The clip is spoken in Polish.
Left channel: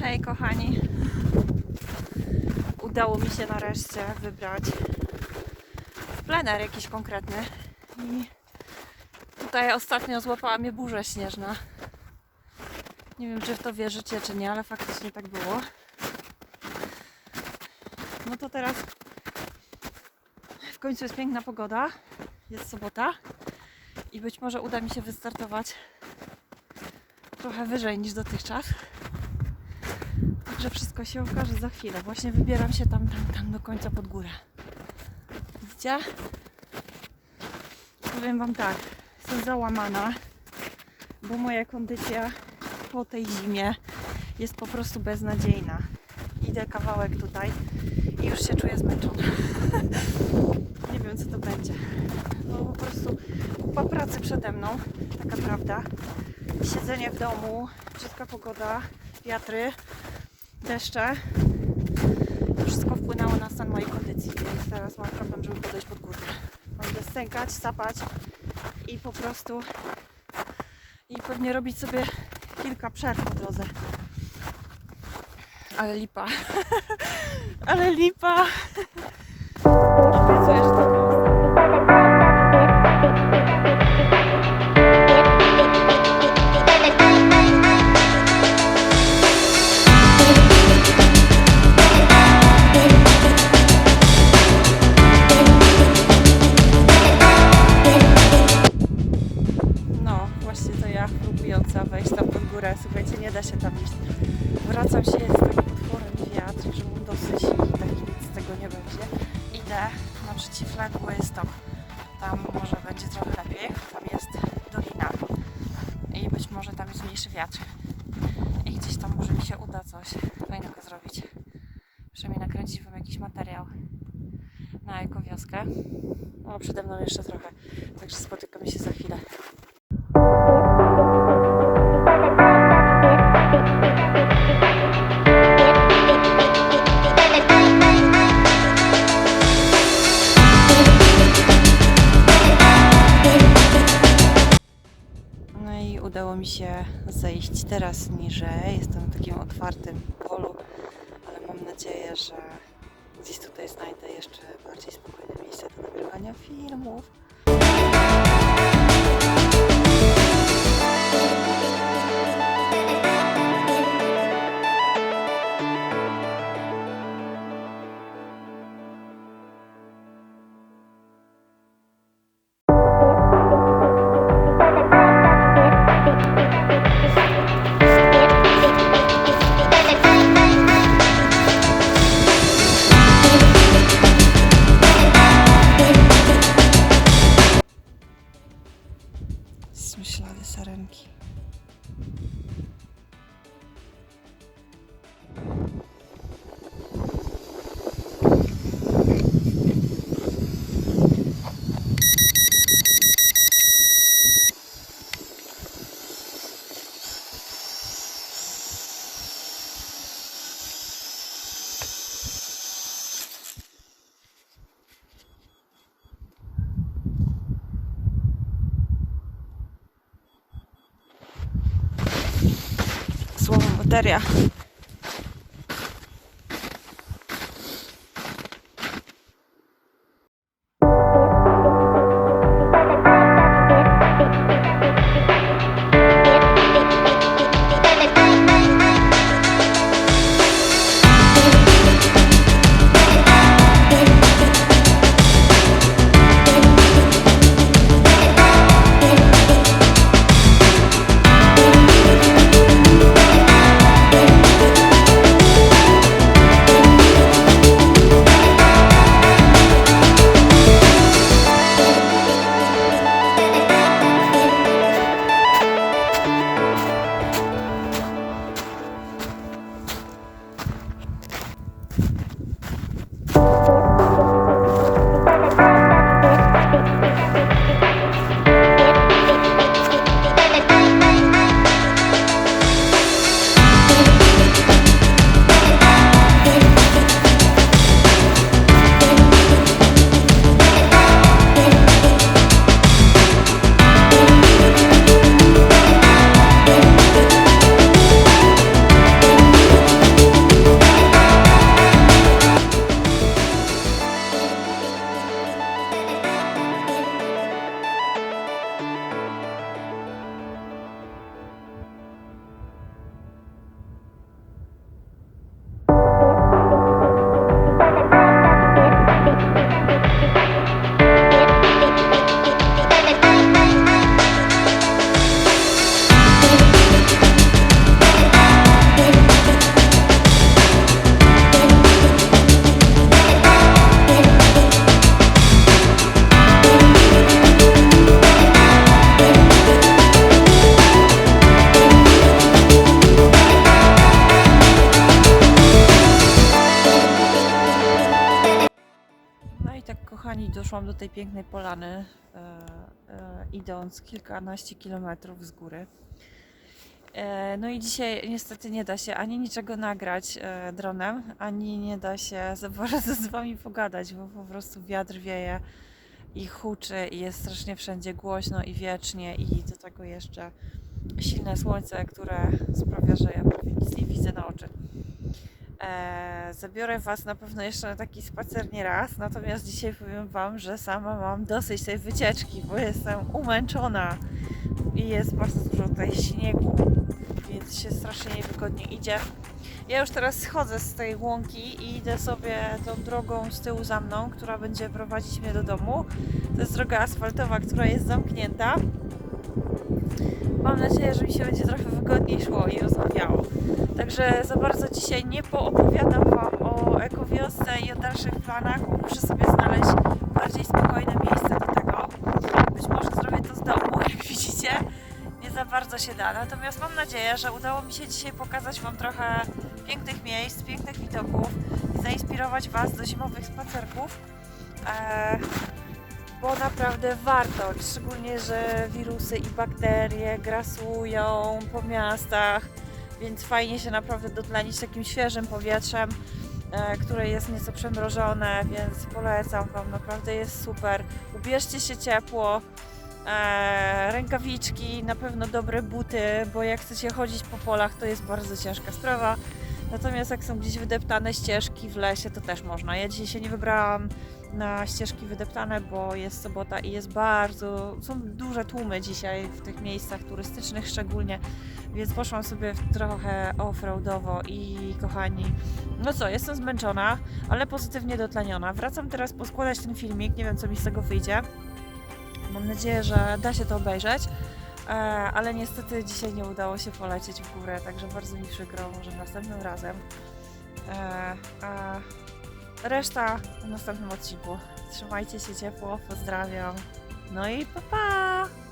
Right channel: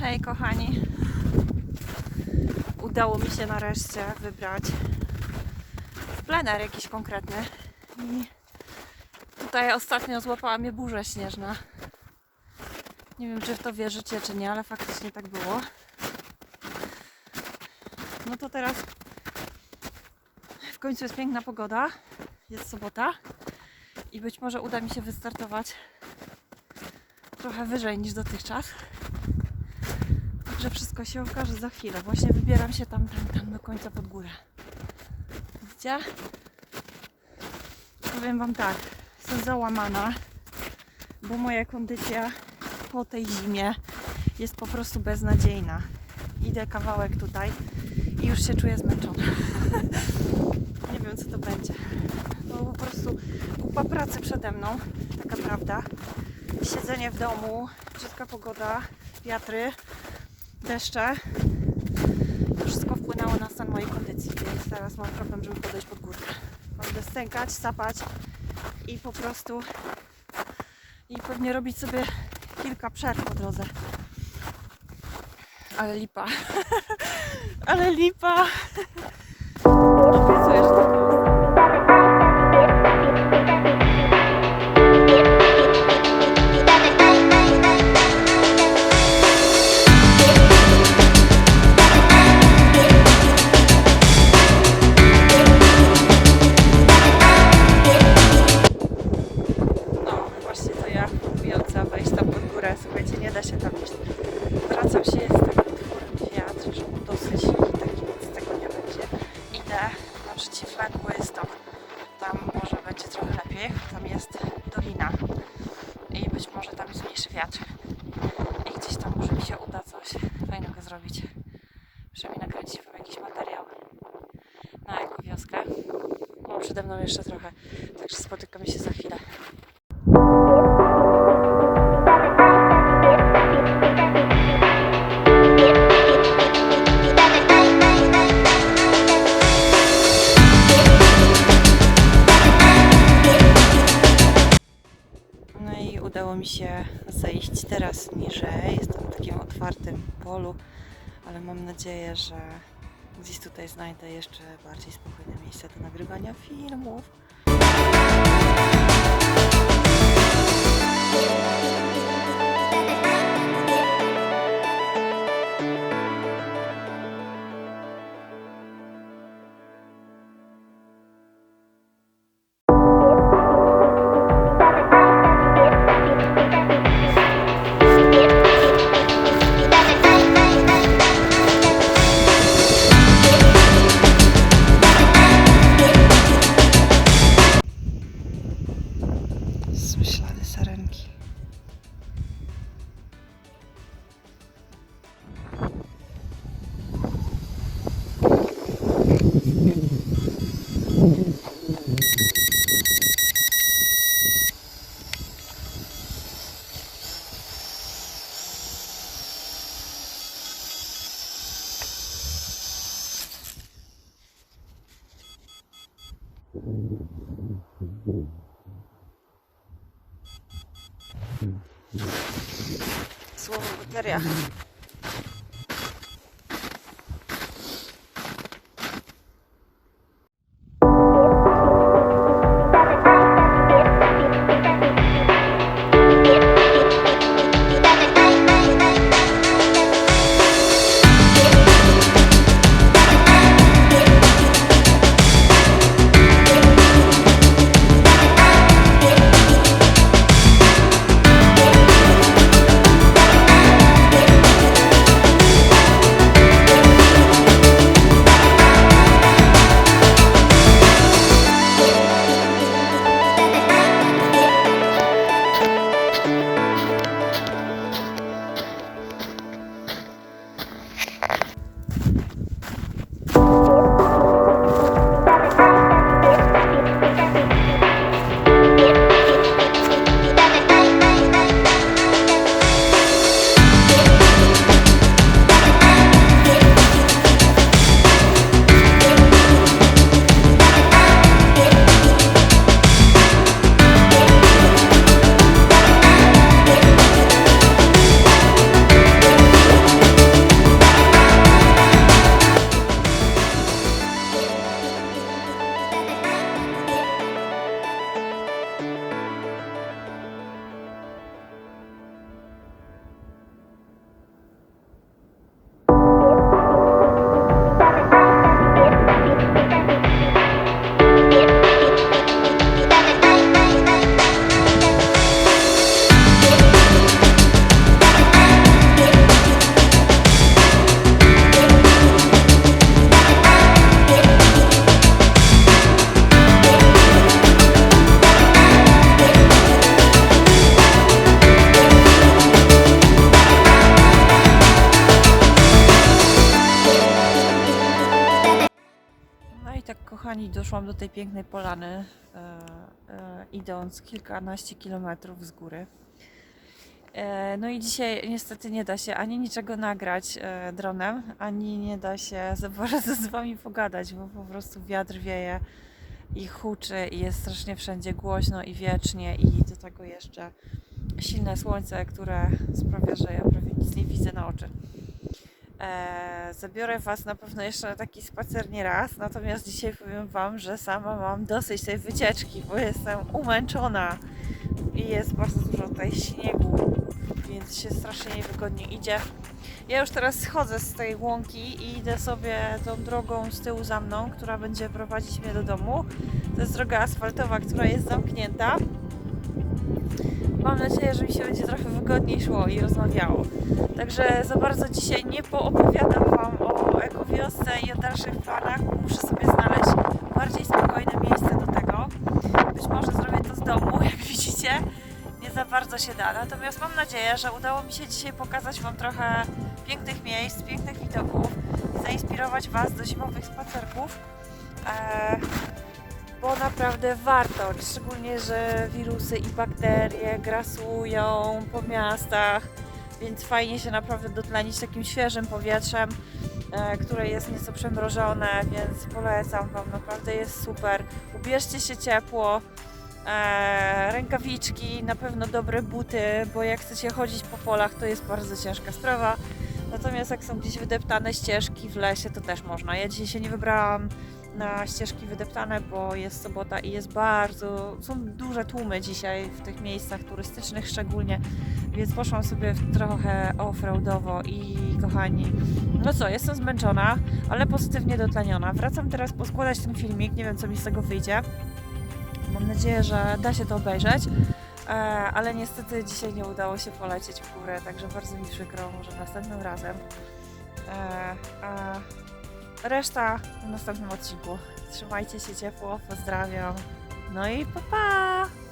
Hej kochani. Udało mi się nareszcie wybrać plener jakiś konkretny. I tutaj ostatnio złapała mnie burza śnieżna. Nie wiem, czy w to wierzycie, czy nie, ale faktycznie tak było. No to teraz w końcu jest piękna pogoda. Jest sobota. I być może uda mi się wystartować trochę wyżej niż dotychczas. Także wszystko się okaże za chwilę. Właśnie wybieram się tam, tam, tam do końca pod górę. Widzicie? Powiem Wam tak, jestem załamana, bo moja kondycja po tej zimie jest po prostu beznadziejna. Idę kawałek tutaj i już się czuję zmęczona. Nie wiem co to będzie. No po prostu kupa pracy przede mną, taka prawda. Siedzenie w domu, brzydka pogoda, wiatry, deszcze. To wszystko wpłynęło na stan mojej kondycji, więc teraz mam problem, żeby podejść pod górkę. Będę stękać, sapać i po prostu i pewnie robić sobie kilka przerw po drodze. Ale lipa. Ale lipa. Wejść tam pod górę. Słuchajcie, nie da się tam iść. Wracam się, jest taki potworem wiatr, że mu dosyć i taki nic z tego nie będzie. Idę na przeciwległy stok. Tam może będzie trochę lepiej. Tam jest dolina i być może tam jest mniejszy wiatr. I gdzieś tam może mi się uda coś fajnego zrobić. Przynajmniej nakręcić wam jakiś materiał na ekowioskę. No, przede mną jeszcze trochę, także spotykamy się za chwilę. Zejść teraz niżej. Jestem w takim otwartym polu, ale mam nadzieję, że gdzieś tutaj znajdę jeszcze bardziej spokojne miejsce do nagrywania filmów. алтаря. Kochani, doszłam do tej pięknej polany, e, e, idąc kilkanaście kilometrów z góry. E, no i dzisiaj niestety nie da się ani niczego nagrać e, dronem, ani nie da się za bardzo z wami pogadać, bo po prostu wiatr wieje i huczy i jest strasznie wszędzie głośno i wiecznie i do tego jeszcze silne słońce, które sprawia, że ja prawie nic nie widzę na oczy. E, zabiorę Was na pewno jeszcze na taki spacer nie raz, natomiast dzisiaj powiem Wam, że sama mam dosyć tej wycieczki, bo jestem umęczona i jest bardzo dużo tutaj śniegu, więc się strasznie niewygodnie idzie. Ja już teraz schodzę z tej łąki i idę sobie tą drogą z tyłu za mną, która będzie prowadzić mnie do domu. To jest droga asfaltowa, która jest zamknięta. Mam nadzieję, że mi się będzie trochę wygodniej szło i rozmawiało. Także za bardzo dzisiaj nie poopowiadam Wam o ekowiosce i o dalszych planach. Muszę sobie znaleźć bardziej spokojne miejsce do tego. Być może zrobię to z domu, jak widzicie. Nie za bardzo się da. Natomiast mam nadzieję, że udało mi się dzisiaj pokazać Wam trochę pięknych miejsc, pięknych widoków i zainspirować Was do zimowych spacerków. Eee, bo naprawdę warto, szczególnie, że wirusy i bakterie grasują po miastach, więc fajnie się naprawdę dotlenić takim świeżym powietrzem, e, które jest nieco przemrożone, więc polecam Wam, naprawdę jest super. Ubierzcie się ciepło, e, rękawiczki, na pewno dobre buty, bo jak chcecie chodzić po polach, to jest bardzo ciężka sprawa. Natomiast jak są gdzieś wydeptane ścieżki w lesie, to też można. Ja dzisiaj się nie wybrałam na ścieżki wydeptane, bo jest sobota i jest bardzo, są duże tłumy dzisiaj w tych miejscach turystycznych szczególnie, więc poszłam sobie trochę offroadowo i kochani, no co, jestem zmęczona, ale pozytywnie dotleniona. Wracam teraz poskładać ten filmik, nie wiem co mi z tego wyjdzie. Mam nadzieję, że da się to obejrzeć. E, ale niestety dzisiaj nie udało się polecieć w górę, także bardzo mi przykro, może następnym razem. E, a reszta w następnym odcinku. Trzymajcie się ciepło, pozdrawiam. No i pa pa!